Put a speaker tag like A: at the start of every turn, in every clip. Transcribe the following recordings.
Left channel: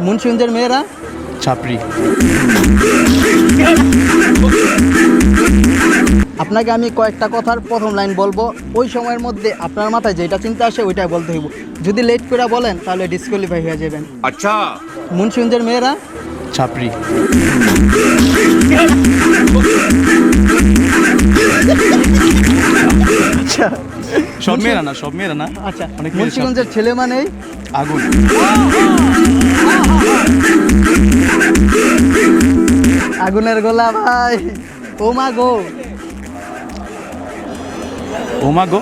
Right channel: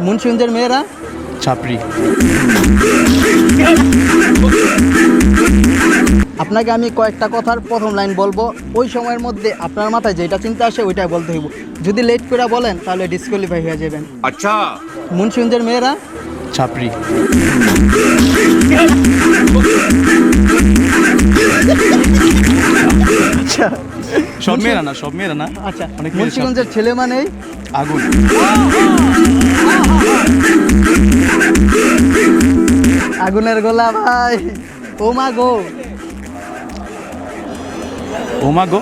A: মুন্সিগঞ্জের মেয়েরা?
B: ছাপড়ি।
A: আপনাকে আমি কয়েকটা কথার প্রথম লাইন বলব। ওই সময়ের মধ্যে আপনার মাথায় যেটা চিন্তা আসে ওইটাই বলতে হইব। যদি লেট করে বলেন তাহলে ডিসকোয়ালিফাই হয়ে যাবেন।
C: আচ্ছা।
A: মুন্সিগঞ্জের মেয়েরা?
B: ছাপড়ি।
A: আচ্ছা।
B: সব মেয়েরা না সব মেয়েরা না।
A: আচ্ছা
B: অনেক
A: মুন্সিগঞ্জের ছেলে মানেই?
B: আগুন।
A: আগুনের গোলা ভাই। ও মা গো।
B: ও মা গো।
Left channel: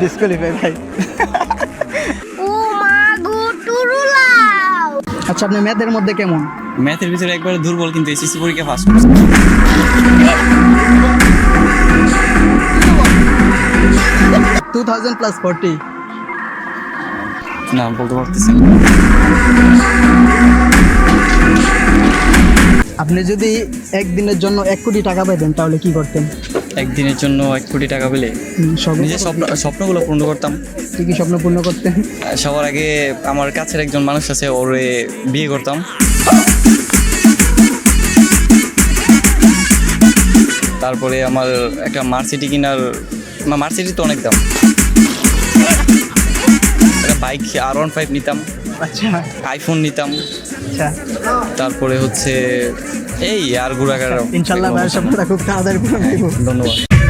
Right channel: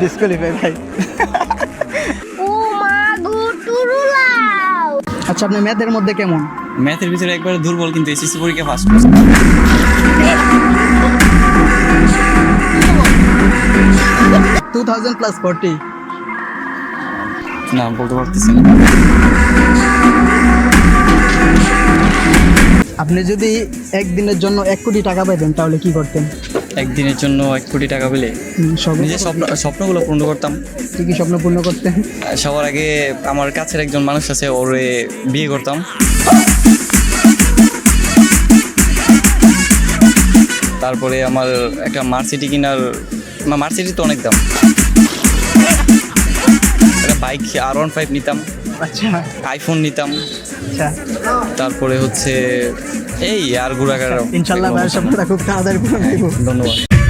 A: ডিসকোয়ালিফাই ভাই।
D: ও মা গো টুরুলাও
A: আচ্ছা আপনি ম্যাথের মধ্যে কেমন?
E: ম্যাথের ভিতরে একবারে দুর্বল কিন্তু এসএসসি পরীক্ষা ফার্স্ট করছে।
A: থাউজেন্ড প্লাস ফোরটি
E: না বলতে পারতেছি না।
A: আপনি যদি একদিনের জন্য এক কোটি টাকা পেতেন তাহলে কি করতেন?
E: একদিনের জন্য এক কোটি টাকা পেলে? নিজের স্বপ্ন স্বপ্নগুলো পূর্ণ করতাম।
A: কি কি স্বপ্ন পূর্ণ করতেন?
E: সবার আগে আমার কাছের একজন মানুষ আছে ওরে বিয়ে করতাম। তারপরে আমার একটা মার্সিটি কিনার মার্সিটি তো অনেক দাম। বাইক আর ওয়ান ফাইভ নিতাম।
A: আচ্ছা।
E: আইফোন নিতাম।
A: আচ্ছা।
E: তারপরে হচ্ছে এই আর ঘোরাঘাট
A: ইনশাল্লাহ খুব তাড়াতাড়ি
E: ধন্যবাদ।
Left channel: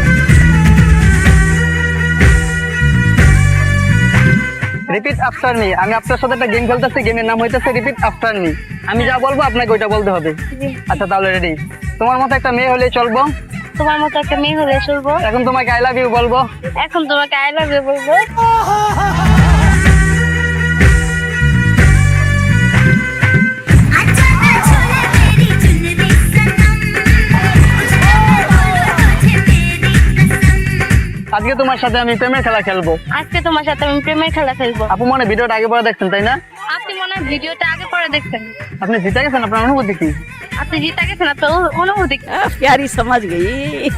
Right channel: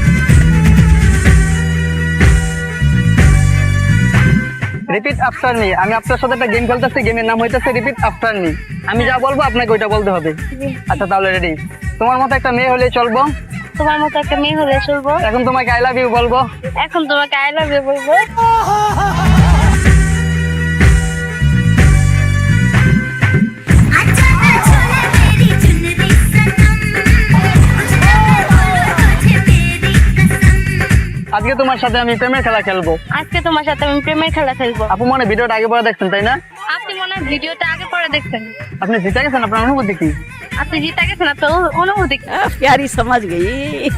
F: प्यारी समझ गई।